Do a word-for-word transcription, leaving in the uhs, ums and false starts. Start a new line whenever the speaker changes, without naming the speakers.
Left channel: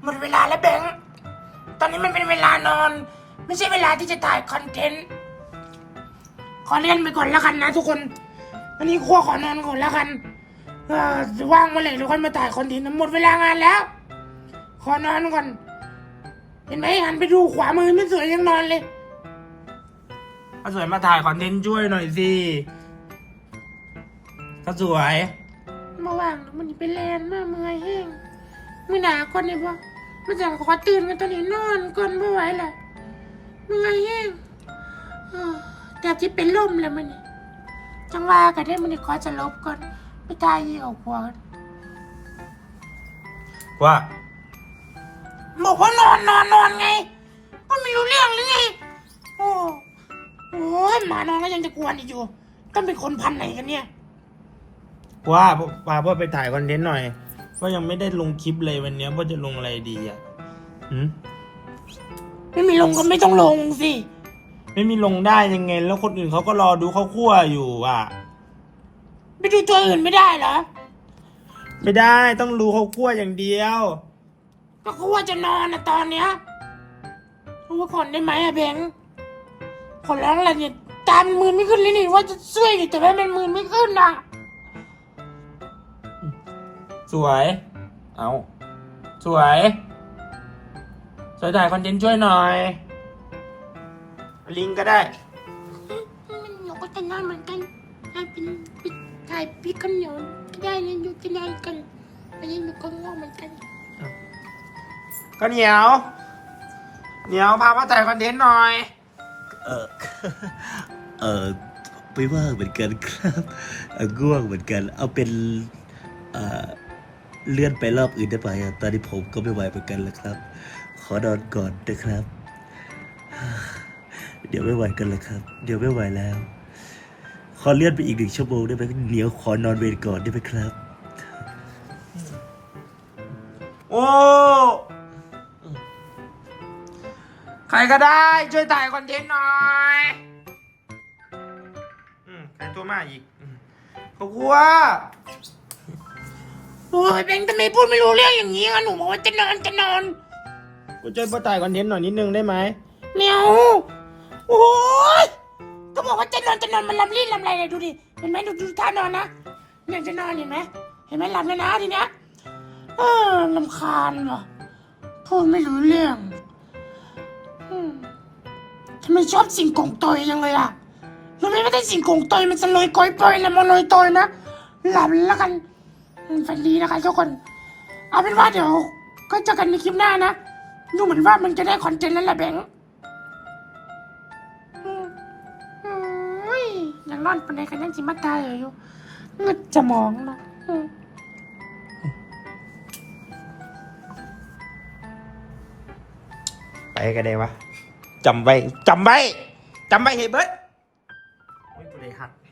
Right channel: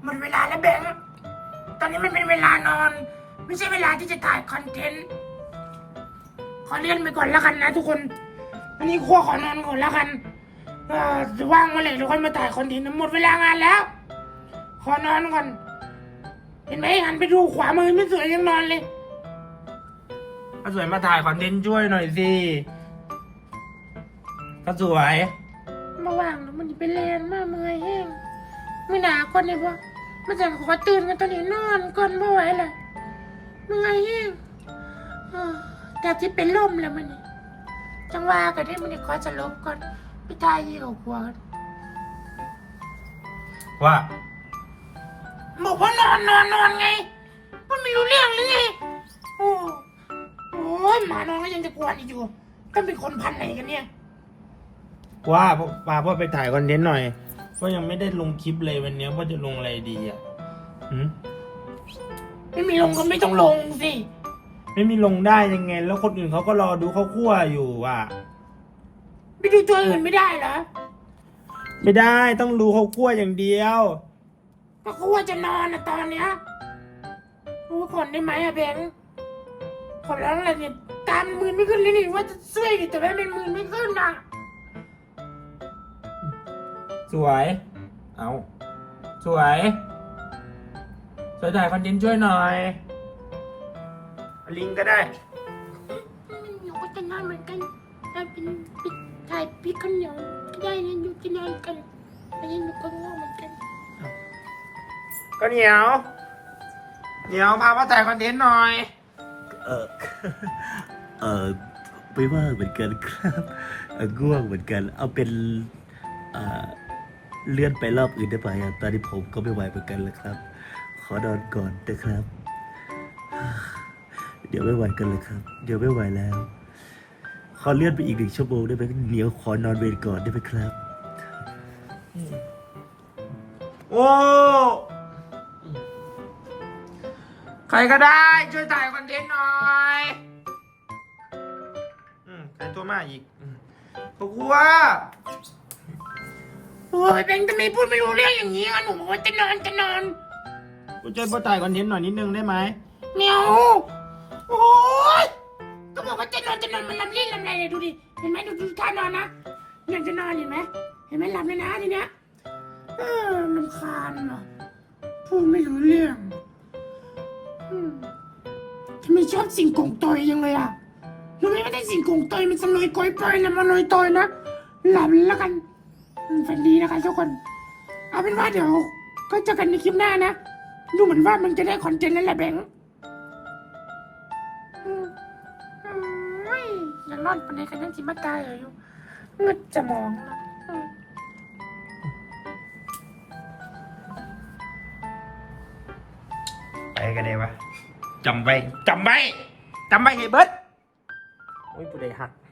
หมดเวลาแล้วแบงค์ตอนนี้มันเป็นเวลานอน ไม่ใช่เวลาที่จะถ่ายคอนเทนต์ขอเลื่อนไปก่อนแล้วกันนะทุกคนอันนี้ขั้วขอนอนก่อนแล้วกันว่างเมื่อไหร่เราค่อยมาถ่ายคอนเทนต์หมดเวลางานแล้วขอนอนก่อนเห็นไหมหันไปดูขวามือไม่สวยยังนอนเลยก็สวยมาถ่ายคอนเทนต์ช่วยหน่อยสิก็สวยมาว่างแล้วมันเป็นแรงมากเมื่อยแห้งไม่หนาคนเลยพวกมันจะขอตื่นกันตอนนี้นอนก่อนไม่ไหวแหละเมื่อยแห้งแต่ที่เป็นลมแล้วมันนี่จังว่ากันได้มันนี่ขอจะลบก่อนไปตายยี่กับพวกว่าบอกว่านอนนอนนอนไงมันไม่รู้เรื่องหรือไงโอ้โหหมานอนก็ยังจะกวนอีกอยู่ต้องเป็นคนพันไหนกันเนี่ยว่าป้าพ่อไปถ่ายคอนเทนต์หน่อยเพราะยังไม่ได้ลงคลิปเลยวันนี้พ่อจะลงอะไรดีอ่ะหืมไม่มีลงก็ไม่ต้องลงสิไม่มีลงได้ยังไงแล้วคนอื่นเขาก็รอดูเขาคั่วอยู่อ่ะไปดูตัวอื่นไม่ได้เหรอไม่ได้ต้องรู้เขาคั่วอย่างเดียวก็คั่วจะนอนนะตอนเนี้ยรู้ว่าก่อนได้ไหมอะเบนขอร้องอะไรเนี่ยตามมือไม่ขึ้นเลยนี่ว่าจะช่วยแต่ว่ามันมือไม่ขึ้นอ่ะสวยเอาสวยสวยถ่ายคอนเทนต์ช่วยหน่อยลิงก็ได้มันหนูก็จะนอนเหมือนกันถ่ายเป็นถ่ายพี่ข้าวเหนียวก็ได้เลยอยู่ที่นอนกันอันนี้หนูก็ง่วงเหมือนกันก็เหนียวเหนียวพามาถ่ายคอนเทนต์หน่อย
เออเออไม่ว่างเหมือนกันครับง่วงเหมือนกันเอาเป็นเอ่อเลื่อนไปรอบอื่นได้ไหมตอนนี้ผมก็ไม่ไหวเหมือนกันแล้วครับขอนอนก่อนนะครับเดี๋ยวไม่ไหวกันเลยครับเดี๋ยวไม่ไหวแล้วขอเลื่อนไปอีกหนึ่งชั่วโมงได้ไหมเดี๋ยวขอนอนเวรก่อนได้ไหมครับ
โอ้ใครก็ได้ช่วยถ่ายคอนเทนต์หน่อยอืมใครตัวมาอีกขอบคุณว่าโอ้ยเบงทำไมพูดไม่รู้เรื่องอย่างนี้กันหนูบอกว่าจะนอนจะนอนกูช่วยพ่อถ่ายคอนเทนต์หน่อยนิดนึงได้ไหมแมวโอ้ยก็บอกว่าจะนอนจะนอนมันลำลิ้นลำไรเลยดูดิเห็นไหมดูดูท่านอนนะเนี่ยจะนอนเห็นไหมเห็นไหมหลับแล้วนะทีเนี้ยเออลำคาญว่ะพูดไม่รู้เรื่องทำไมชอบสิ่งกงตอยยังเลยอ่ะรู้ไหมว่าถ้าสิ่งกงตอยมันจะลอยก้อยปอยแล้วมันลอยตอยนะหลับแล้วกันฝันดีนะคะทุกคนเอาเป็นว่าเดี๋ยวก็เจอกันในคลิปหน้านะดูเหมือนว่ามันจะได้คอนเทนต์แล้วแหละแบงค์ยังนอนปนไหนกันยังจิมาตายอยู่งึดจะมองนะไปกันเลยวะจำไว้จำไว้จำไว้เฮ้ยเบิร์ดโอ้ยกูได้หัก